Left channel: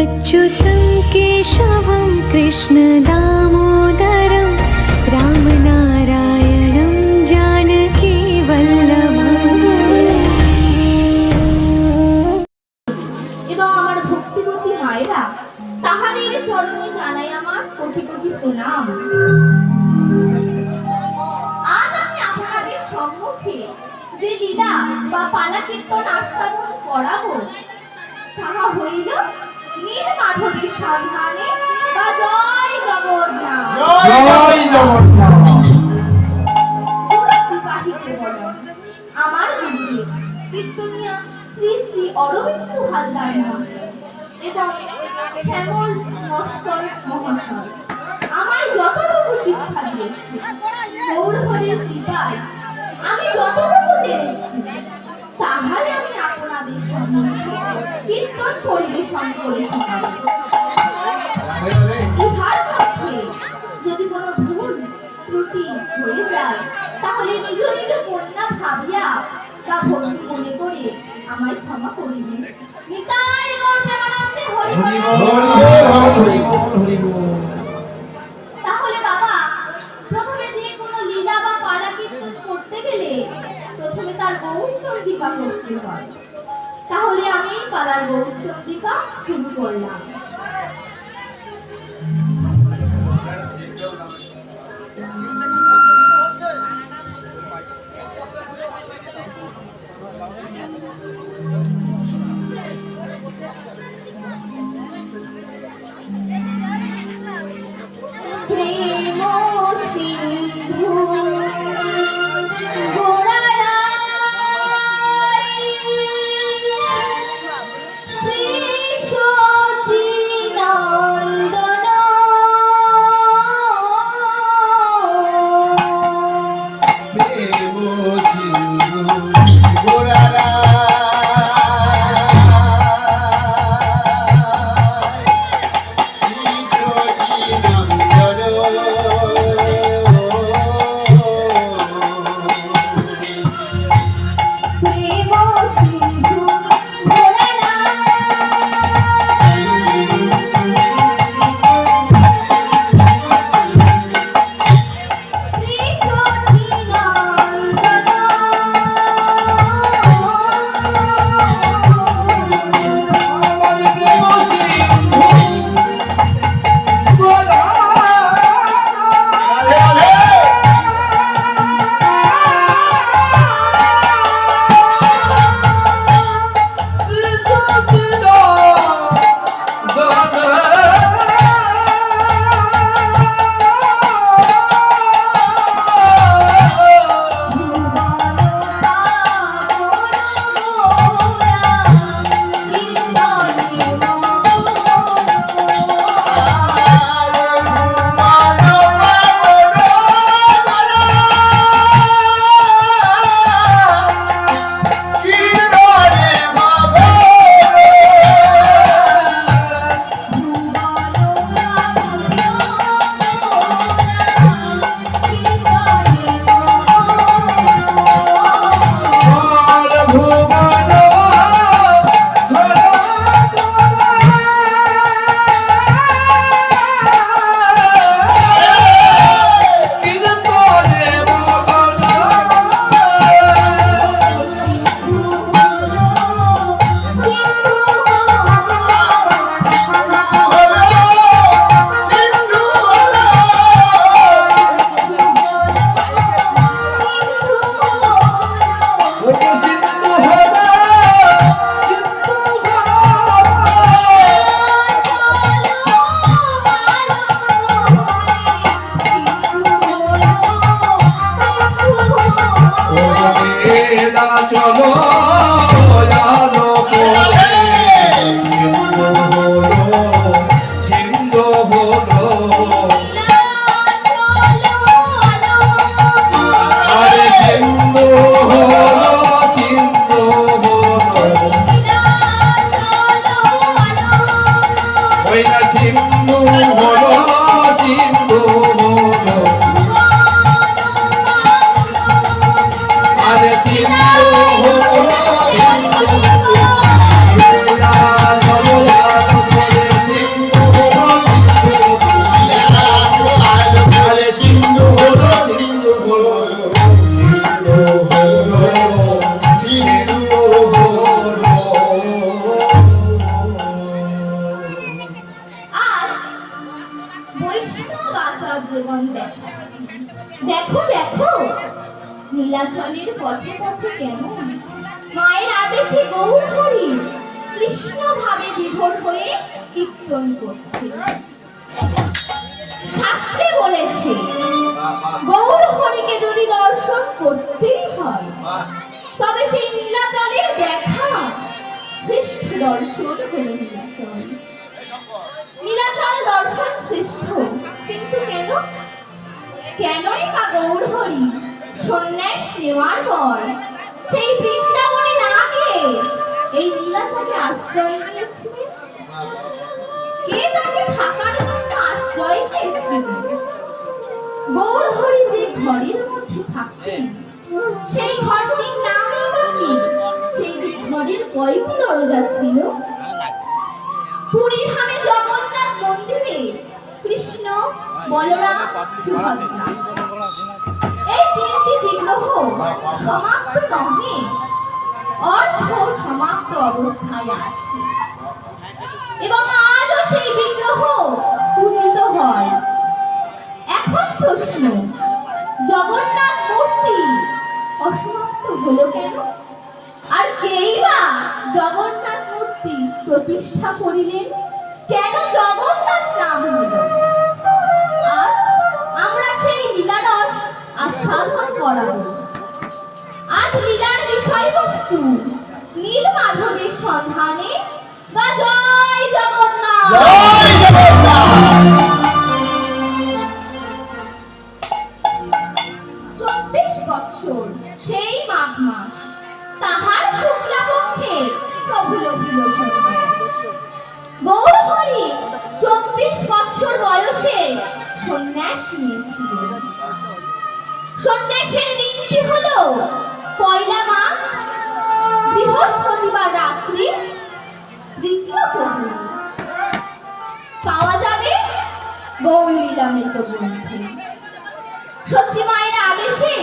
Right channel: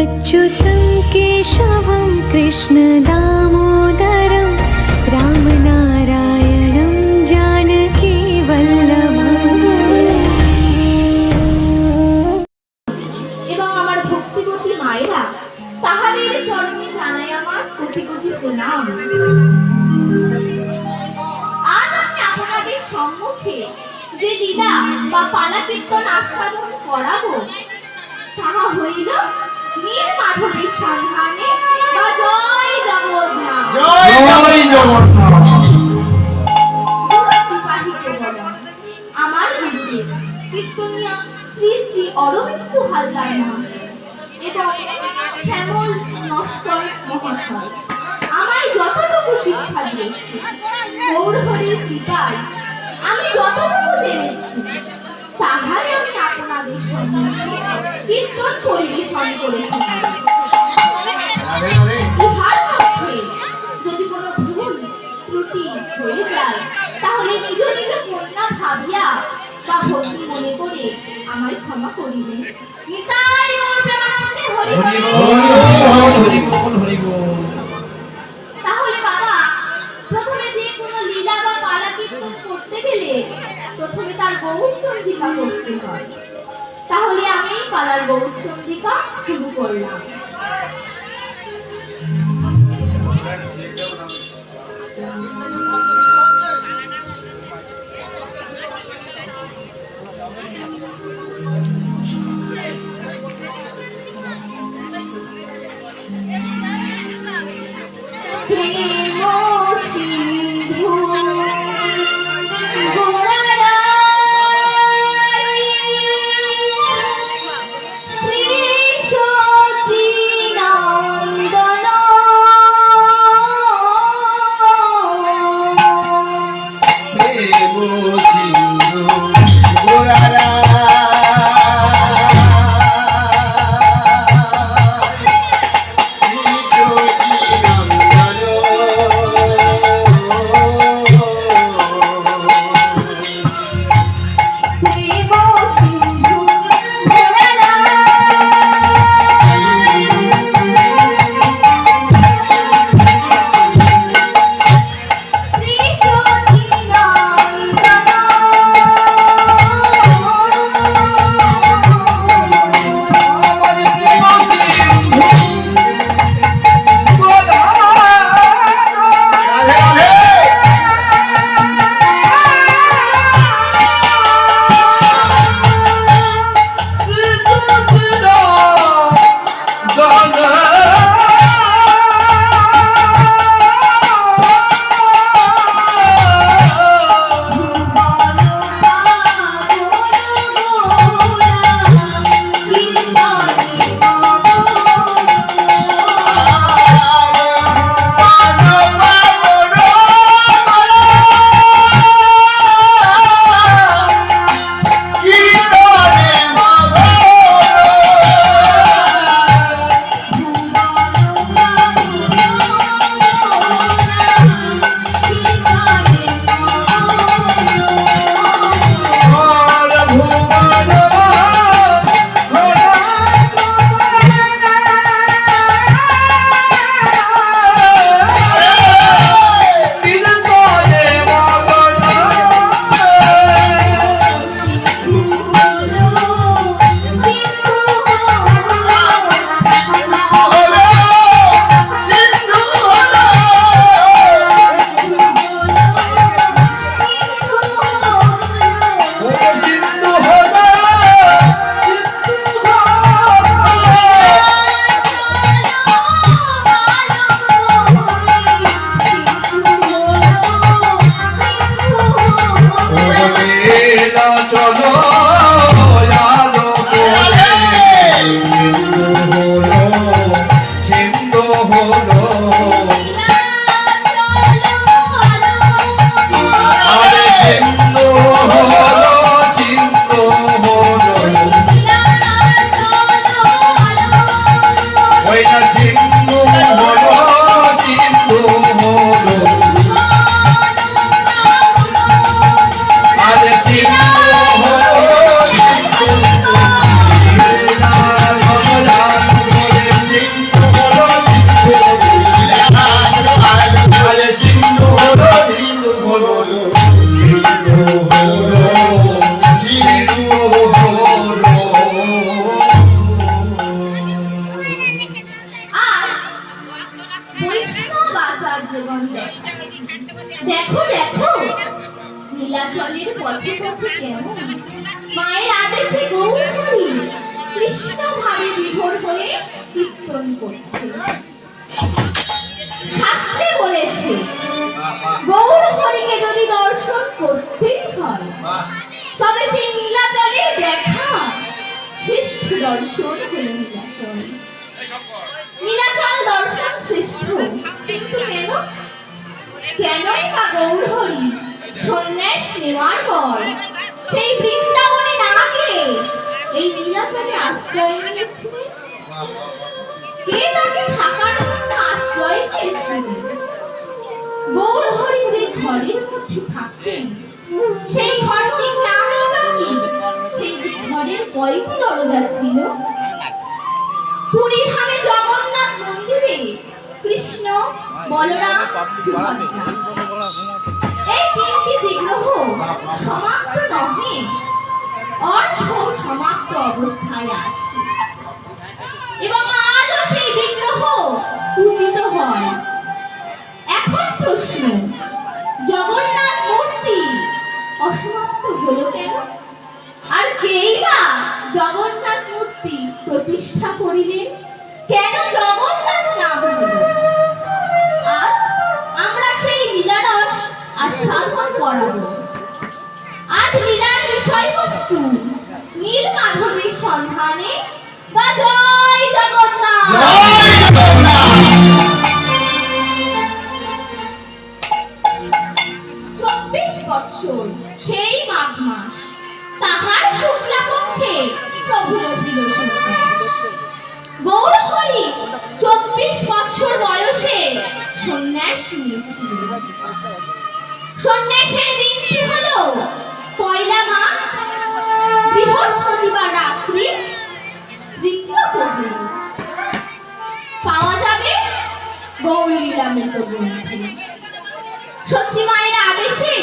अच्युतं केशवं कृष्णदामोदरं रामनारायणं जानकीवल्लभम्। এবং আমার ভক্তিবতী মায়েরা তাহাদের চরণে জানাই আমার কোটি কোটি প্রণাম। আজ আমি আপনাদের সম্মুখে যে লীলা বা পালা কীর্তন আস্বাদন করাবো তাহা হইল নীল মাধবের সন্ধানে বা জয় জগন্নাথ। জয় জগন্নাথ। আমার গুরুদেব কীর্তনিয়া শ্রী শ্রী অরবিন্দ হালদার মহাশয় এবং শ্যামল নস্কর মহাশয় আমায় যতটুকু শিক্ষা দিয়েছে, গৌরহরির কৃপায় আমি যতটুকু জেনেছি তাহাই আমি আপনাদের সম্মুখে কীর্তন পরিবেশন করে শোনাব। ইহার মধ্যে যদি কোনো ভুল ত্রুটি হয়ে যায় তাহলে নিজ নিজ কন্যা ভাবিয়া বা ভক্তি মনে করে আমায় ক্ষমা করিবেন। নিতাই গৌর প্রেমানন্দে হরি বল। তাহলে বাবা, প্রথমে যে কোনো লীলা বা পালা কীর্তন করতে গেলে প্রথমে তার গৌরচন্দ্রিকা করতে হয়। তাহলে আমি পালার গৌরচন্দ্রিকা শুরু করলাম। শ্রী সচি নীলাচলের পথে পথে কেমন মায়ের আদেশে গৌর হরি কৃষ্ণ ভাবে বিভোর হয়ে কীর্তন করছে। শাস্ত্রে বলেছে গৌর হরিকে যদি দর্শন করতেই হয় তবে সেই নীলাচলের দেখা শ্রেষ্ঠ দর্শন হলো নীলাচল। নীলাচল দর্শন শ্রেষ্ঠ, কিন্তু কেনই বা গৌর হরি সন্ন্যাস নেওয়ার পর সেই বৃন্দাবনে না গিয়ে এই নীলাচলে আশ্রয় নিয়েছিলেন? কে তাকে থাকার জন্য আশ্রয় দিয়েছিলেন? গৌর হরি যে ঘরের মধ্যে থাকতেন সেই ঘরটির নামই বা কি? সেই ঘরের কয়টি দরজা ছিল? পুরী ধামে জগন্নাথ মন্দিরে কৃষ্ণ, বলরাম, সুভদ্রা এই তিনটি বিগ্রহ সমাপ্ত নহে, অর্ধ সমাপ্ত অবস্থায় আছে এবং আজও সেই বিগ্রহ পূজিত হয়। এখন প্রশ্ন, জগন্নাথ মূর্তি অসমাপ্ত হলো কেন? আর কেই বা জগন্নাথ মূর্তি প্রতিষ্ঠা করিলেন? কেন জগন্নাথ নাম হলো? আজ আমরা সেই লীলারস আস্বাদন করাবো। আজ লীলার বিষয়বস্তু নীল মাধবের সন্ধানে বা জয় জগন্নাথ। জয় জগন্নাথ। 24 বৎসর সেই মাঘ মাস তাহার শুক্লা পক্ষে প্রভু লভিল সন্ন্যাস। গৌর হরি 24 বৎসর বয়সে সন্ন্যাস নিয়েছিলেন। সন্ন্যাসের দিনটি হলো পয়লা মাঘ, বৃহস্পতিবার রাত্রি ঋত্যপূর্ণ। পাওয়া যাবে গৌরীরামের গ্রন্থে। সচি মায়ের আদেশে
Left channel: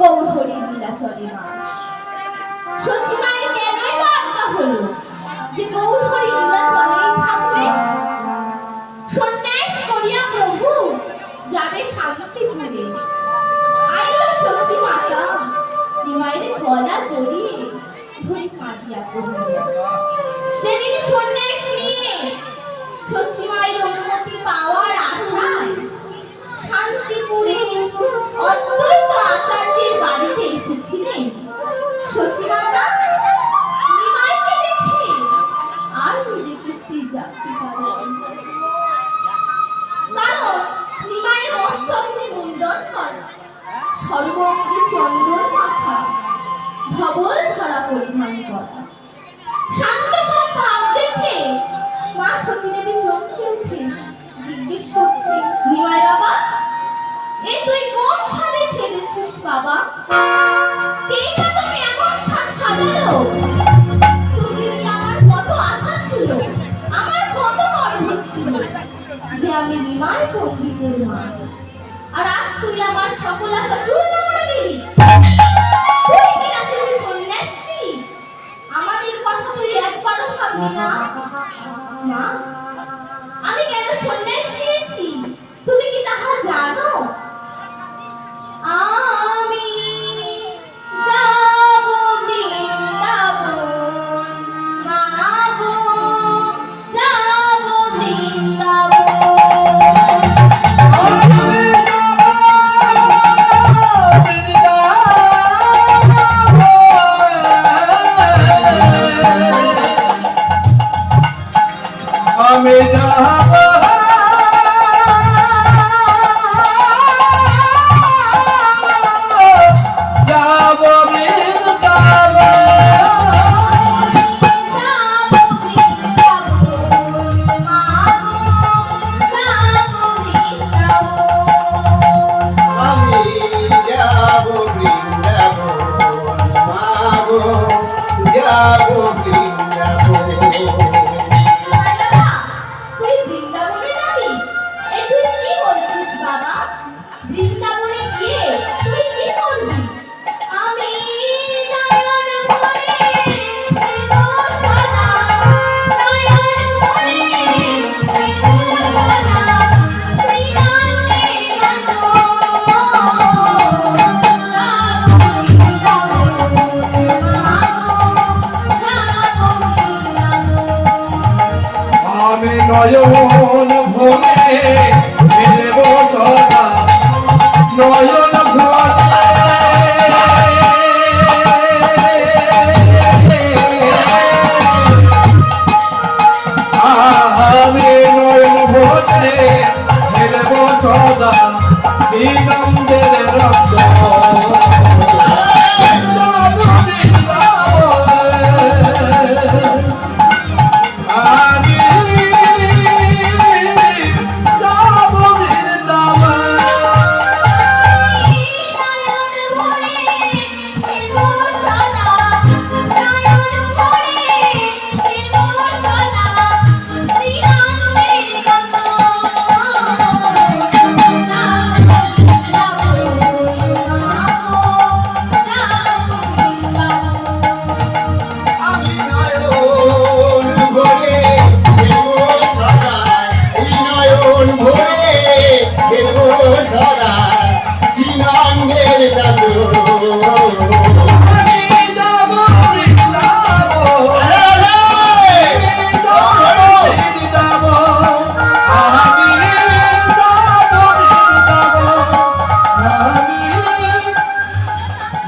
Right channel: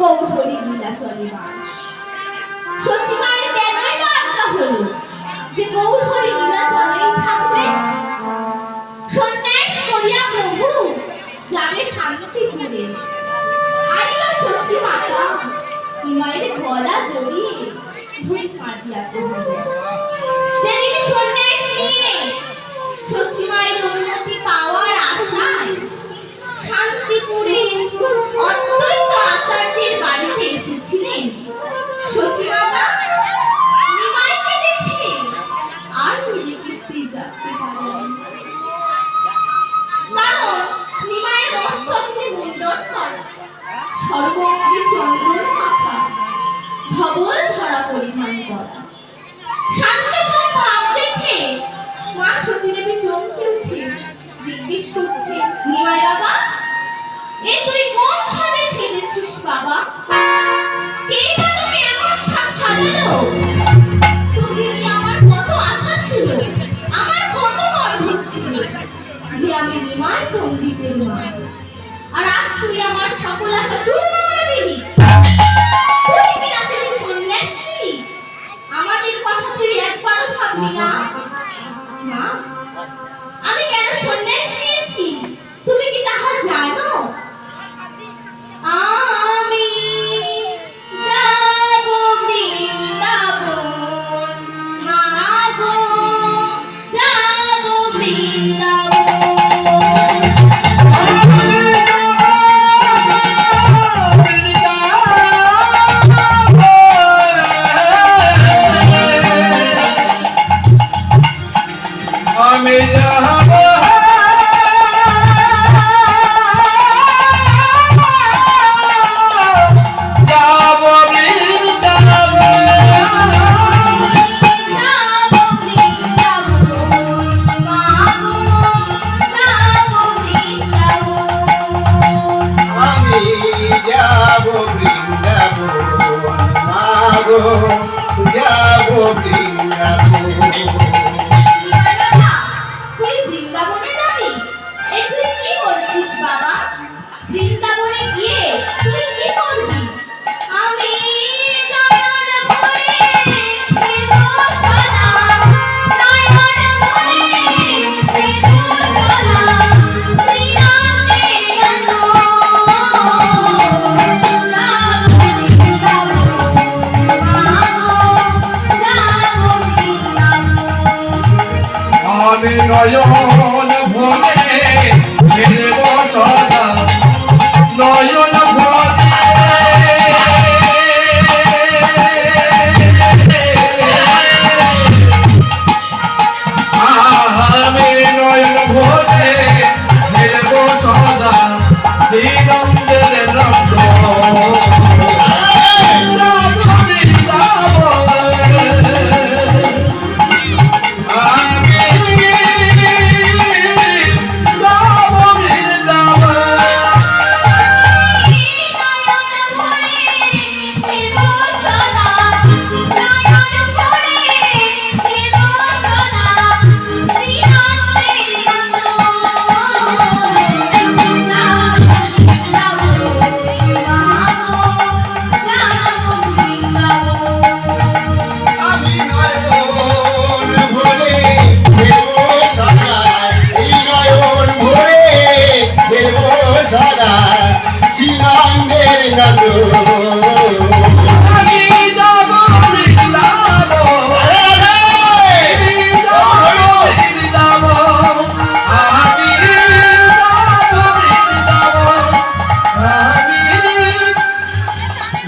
গৌর হরি নীলাচলে বাস। সচি মায়ের কেনই বা আজ্ঞা হলো যে গৌর হরি নীলাচলেই থাকবে? সন্ন্যাস করিয়া প্রভু যাবে শান্তিপুরে। আইল সচি মাতা নিমাইয়ের গলা জড়িয়ে ধরে কাঁদিয়া কহিলেন, যেদিন সন্ন্যাস নিয়ে সচি মায়ের অনুমতি পাওয়ার আশায় শান্তিপুরে অদ্বৈত আচার্যের বাড়িতে এসেছিলেন, সচি মাতা নিমাইকে দেখে আর নিজেকে স্থির রাখতে পারেন। কারণ নিমাইয়ের মস্তকে মুন্ডন করা, সর্বঙ্গে চন্দন মাথা, ধবল ধরা পরিধান করা। শান্ত ভাব দেখে মা সতীদেবী চমকে উঠে জিজ্ঞেস করছে, নিমাই বাবা, এ তুই কোন সাজে সেজেছিস বাবা? কে বা তোকে এমন সাজ সাজালো? তোকে নিয়ে আমার কত আশা ছিল, আমার কত গর্ব ছিল যে আমি নিমাই পণ্ডিতের মা, আর আজ তুই আমার সকল আশা চূর্ণ করে দিলি। তুই কিনা শেষে সন্ন্যাস নিলি, আমাদের কথা তুই একবারও ভাবলি না? মা, আমি কেন সন্ন্যাস নিয়েছি তুমি কি তাহা জানো? আমি যাব বৃন্দাবন, না গো যাব বৃন্দাবন।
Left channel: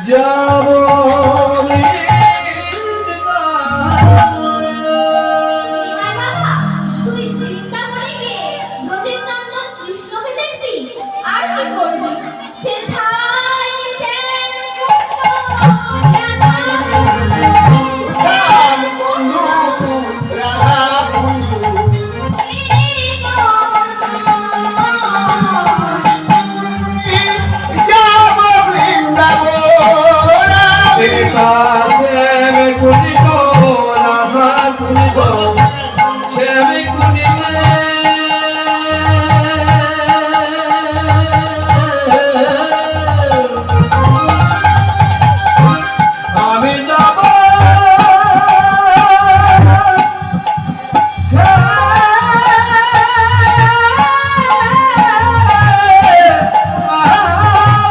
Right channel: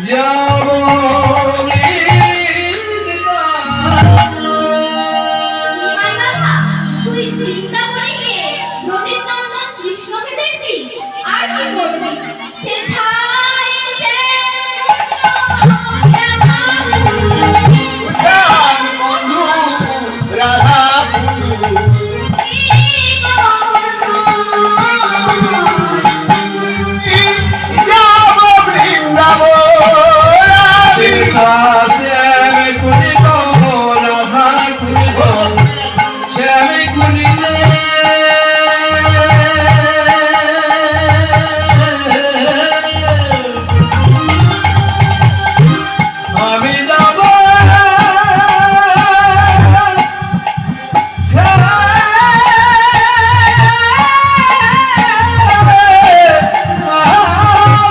যাব নিমাই বাবা, তুই বৃন্দাবনে গিয়ে ব্রজেন্দ্রনন্দন কৃষ্ণকে দেখবি আর কি করবি? সেথায় শ্যাম বন্ধু রাধা বন্ধু যাব বৃন্দাবন শ্যাম কুনিব রাধা কুনিব শ্যাম কুনিব আমি যাব আমি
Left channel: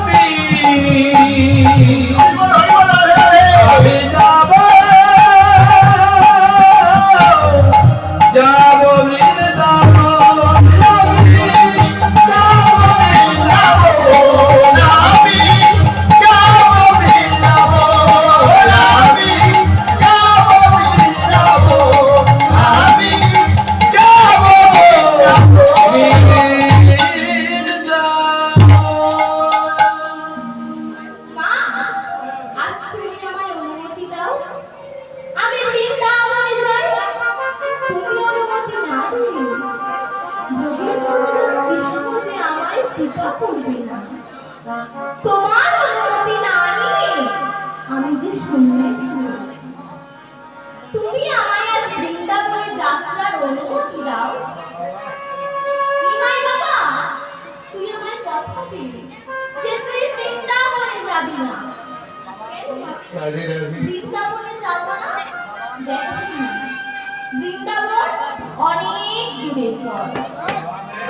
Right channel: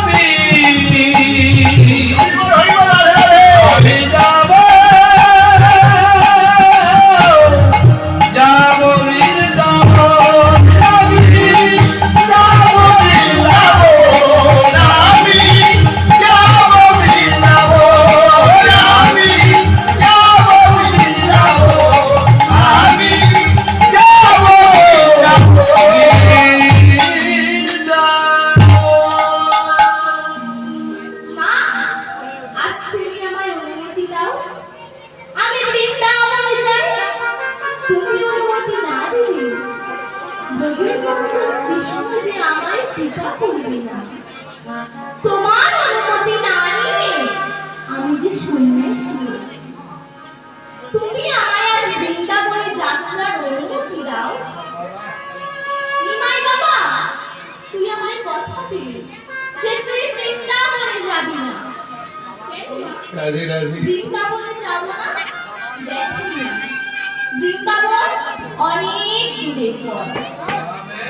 যাব যাব বৃন্দাবন মা, আজ তুমি আমায় অনুমতি দাও, আমি বৃন্দাবনে যাই। তুমি অনুমতি না দিলে ব্রজেন্দ্রনন্দন কৃষ্ণ যে আমায় কৃপা করবে না। তোমার অনুমতি না নিলে আমি যে সন্ন্যাসী হয়েছি। তুমি আমায় আজ বৃন্দাবনে যাত্রার অনুমতি দাও। নিমাই বাবা, তুই আমায় কথা দিলি যে তুই বৃন্দাবনে যাবি না। রাধে রাধে বৃন্দাবনে যাব না? দেখেনি, বৃন্দাবন অনেক দূরের পথ।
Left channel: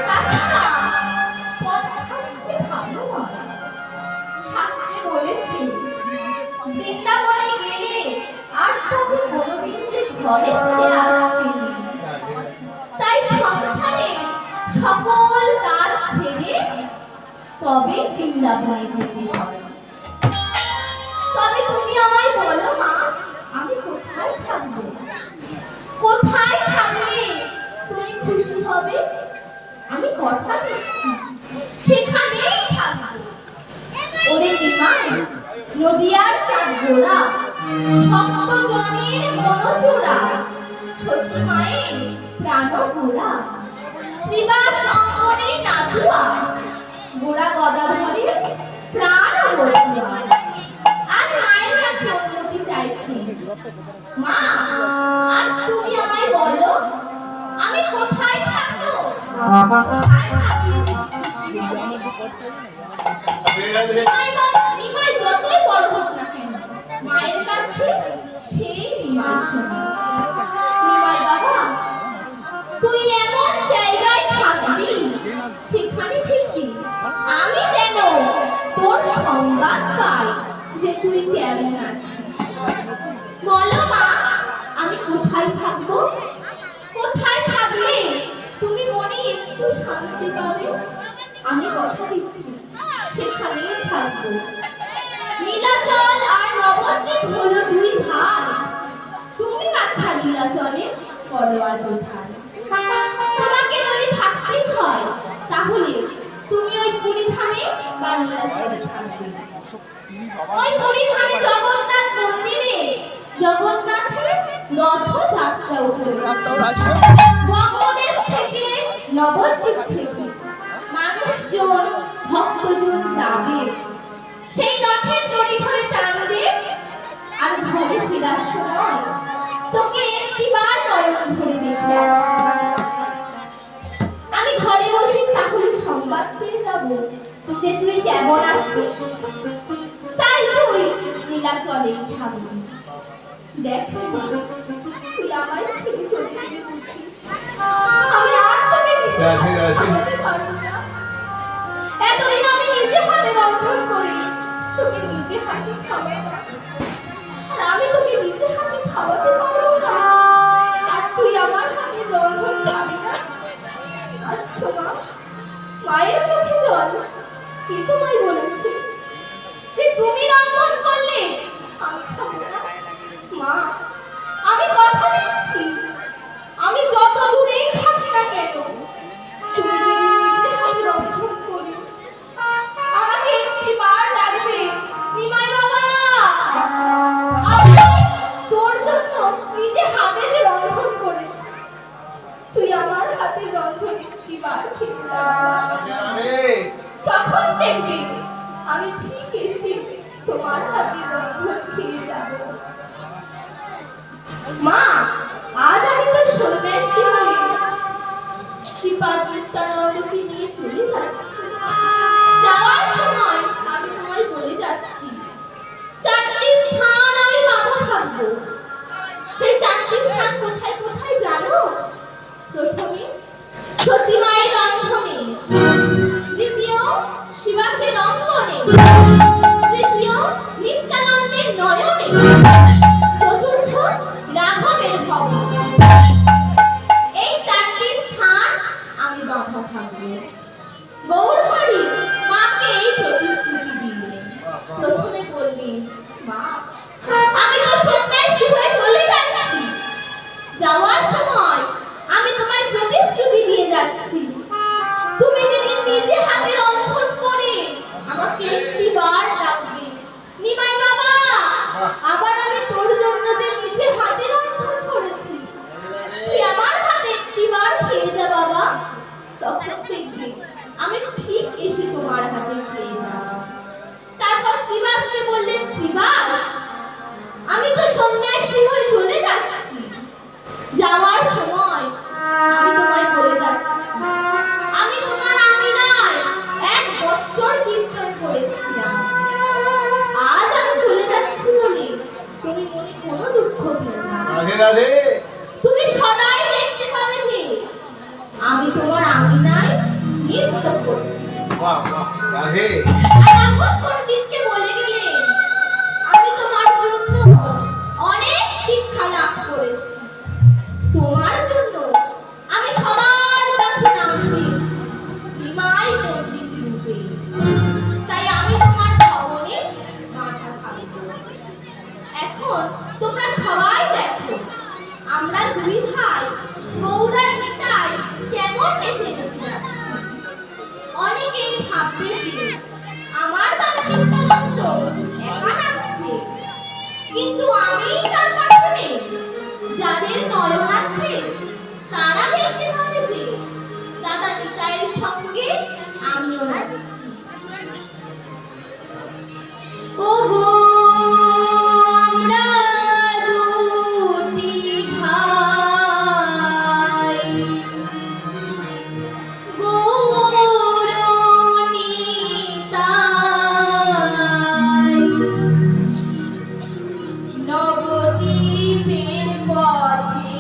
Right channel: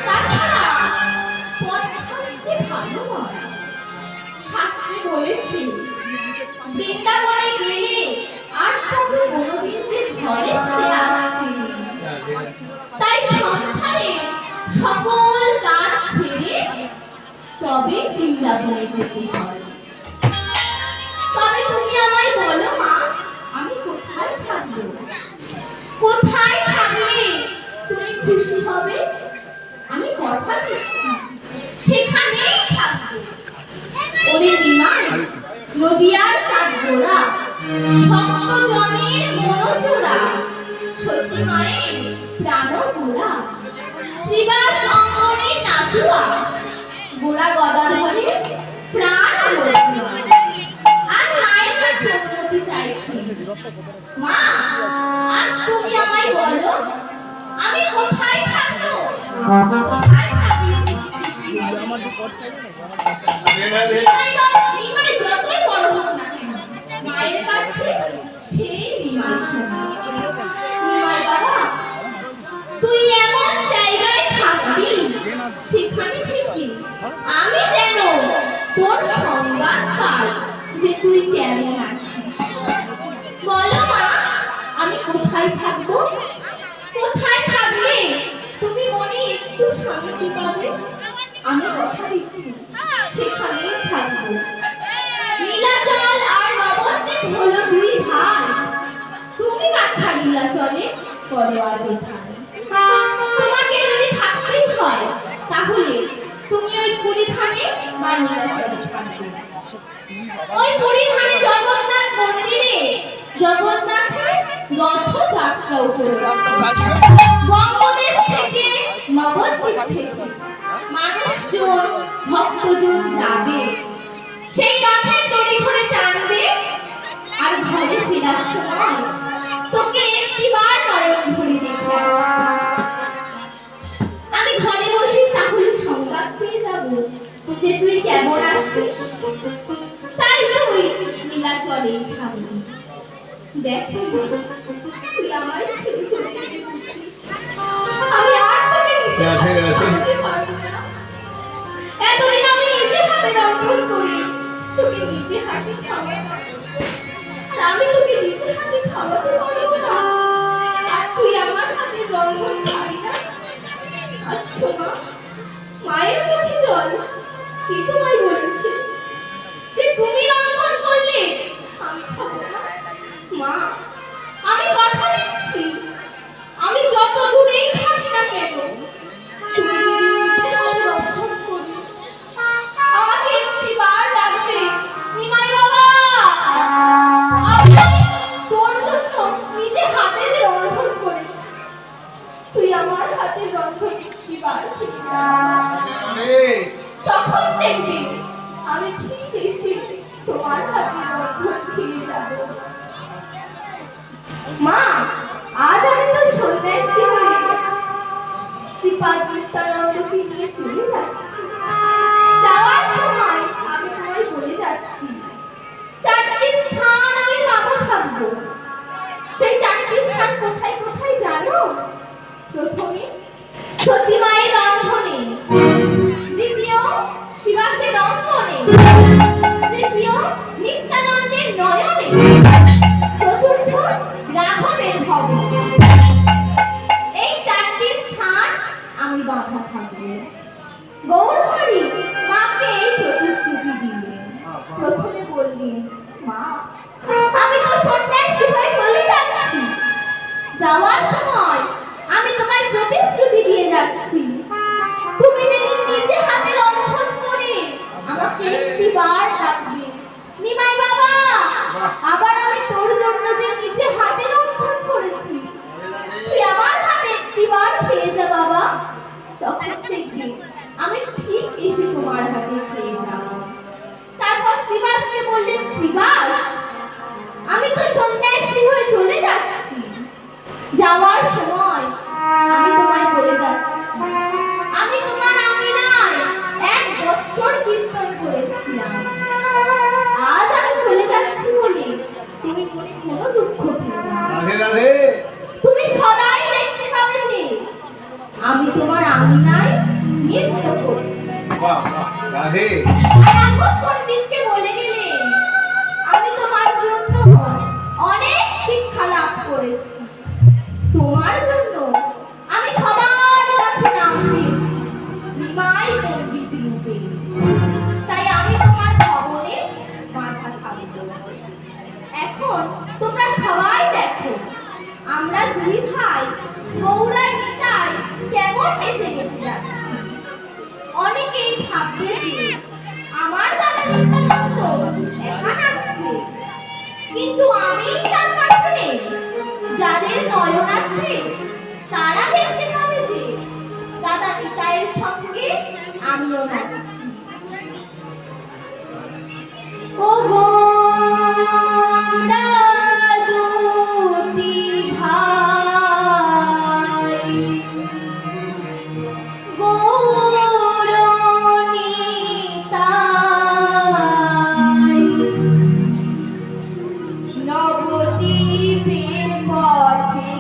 তাছাড়া পথটা যে ভালো নয়। শাস্ত্রে বলেছে বৃন্দাবনে গেলে আর তাকে কোনোদিন যে ঘরে ফিরে আসতে নেই। তাই সংসারে সকল কাজ ছেড়ে তবে বৃন্দাবনে যেতে হয়। তবে তুমি আমায় বলো মা, আমি কোথায় থাকবো? কোথায় থাকলে তুমি খুশি হবে? আমি কথা দিচ্ছি সেখানেই থাকবো। ওরে নিমাই, নদিয়ার চাঁদগোড়া, ভক্তজনের মনোজোড়া, শচী মায়ের প্রাণগোড়া, শ্রীবাস শঙ্করের নাথুয়া, গোড়া গদাধরের প্রাণ বধুয়া। আজ মায়ের কাছে অনুমতি চাইছি। মা, আজ তুমি আমায় বলো, আমি কোথায় থাকবো? কোথায় থাকলে তুমি খুশি হবে? নিমাই যতই বড় হোক না কেন, মায়ের কাছে সেই নিমাই শোনা। নিমাই বাবা, তুই এমন জায়গায় থাকবি সেখানে থেকে আমি যেন তোর সংবাদ পাই যে তুই কেমন আছিস। বলো মা, আমি কোথায় থাকবো? কোথায় থাকলে তুমি মনে একটু শান্তি পাবে? আমি কথা দিচ্ছি সেখানেই থাকবো। নীলাচল আর নবদ্বীপ হলো দুই ভাই। তুমি কাছা নীলাচলে পদোয়া যেথায়। তোমাকে যদি থাকতেই হয় তাহলে তুমি ওই পুরীধামে বা নীলাচলে থাকবে। ওই পুরীধামে জগন্নাথ মন্দিরে জগন্নাথের রথযাত্রা উপলক্ষে বঙ্গদেশ থেকে নবদ্বীপ থেকে মানুষজন ভক্তজন যাবে। সেই রথের দড়ি ধরে টানবে আর ঘরে ফেরার সময় তোকে একটিবার নয়ন ভরে দেখে আসবে। আমি ঘরে বসে তাহলে সংবাদ পেয়ে যাব যে তুই কেমন আছিস। তাই তুই নীলাচলেই থাকবি। দেখো তুই আমার ছেড়ে চলে গেছিস। আমি আর তোকে রাধে রাধে এতদিন আমি নিজে হাতে রন্ধন করি, তোকে নিজে হাতে খাওয়াই। আর আমি তোকে নিজে হাতে খাওয়াতে পারবো না, আর তুই আমার হাতে রন্ধন খাবি না। আচ্ছা মা, মায়ের চোখে জল, কিন্তু মাই বলেছে যে তুমি রন্ধন করলে এসে তোমার হাতে রন্ধন খেয়ে যাব। মা, আজ আমি তো সন্ন্যাসী হয়ে শ্রীপাদ নিত্যানন্দকে নিয়ে চলে যাচ্ছি। যাওয়ার সময় আমি তোমায় বলে যাচ্ছি, 4টি স্থান আমি মাথা থাকবো। সেই 4টি স্থান কোথায় কোথায় জানো? প্রথমে সচিমায়ের রন্ধনে, দ্বিতীয় শিবাসের রন্ধনে, তৃতীয় নিত্যানন্দের নয়নে, চতুর্থ রাঘবের ভবনে। এই 4টি স্থান আমি বাঁধা থাকবো। গৌরহরি মাকে এই প্রতিশ্রুতি দিলেন। প্রথমে বললেন, মা, আমি তো সন্ন্যাসী হয়ে চলে যাচ্ছি। যাওয়ার সময় আমি তোমায় প্রতিশ্রুতি দিয়ে যাচ্ছি, তুমি যেদিন নিজে হাতে রন্ধন করে আমাকে একটিবার ডাকবে, নিমাই বাবা, আবার আমি তোর জন্য যে নিজে হাতে রন্ধন করেছি, তুই আমার হাতে একটিবার খেয়ে যা বাবা। তখন থেকে আমি ঠিক এসে তোমার হাতে খেয়ে যাব। তারপর শ্রীবাসকে বললেন, শ্রীবাস, আমি তো সন্ন্যাসী হয়ে চলে যাচ্ছি। যাওয়ার সময় আমি তোমায় বলে যাচ্ছি, আমি তোমার আঙিনায় 1 বছর কীর্তন করেছিলাম। আজ আমি চলে যাচ্ছি বলে তুমি মনে কোনো দুঃখ পেও না। রাধে রাধে। তুমি সদাই দেখতে পাবে যে আমি তোমার আঙিনায় নৃত্য করছি। বাহ, রাধে। রাঘব পণ্ডিতকে বলে গেলেন, আমি তোমার জন্য অনেক শিক্ষা লাভ করেছি। তোমার জন্য আমি সবার কাছে নাম পেয়েছি নিমাই পণ্ডিত রূপে। তাই আমি তোমার ভবনে মাথা থাকবো। এখন তোমরা সবাই দেখো, আমরা 2 ভাই গৌরার নিতাই কেমন বেঁচে বেঁচে যাচ্ছি। অনেকেই ভাববে যে আমার দাদা নিত্যানন্দ একা নাচছে, কিন্তু আমি তার কাছে নেই। যাদের নয়ন আছে তারা দেখতে পাবে যে দাদা নিতাইয়ের সঙ্গে আমিও নাচছি। ও গো, আমরা 2টি ভাই, গৌর নিতাই, নবদ্বীপের পথে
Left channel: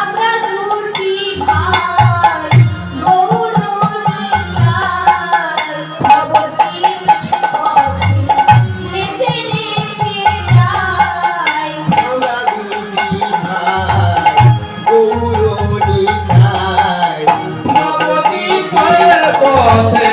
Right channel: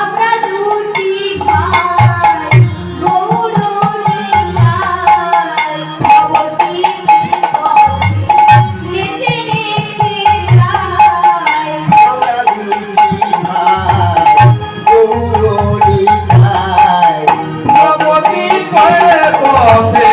আমরা 2টি ভাই, গৌর নিতাই, নবদ্বীপের পথে নেচে নেচে যাই। আমরা 2টি ভাই, গৌর নিতাই, নবদ্বীপের পথে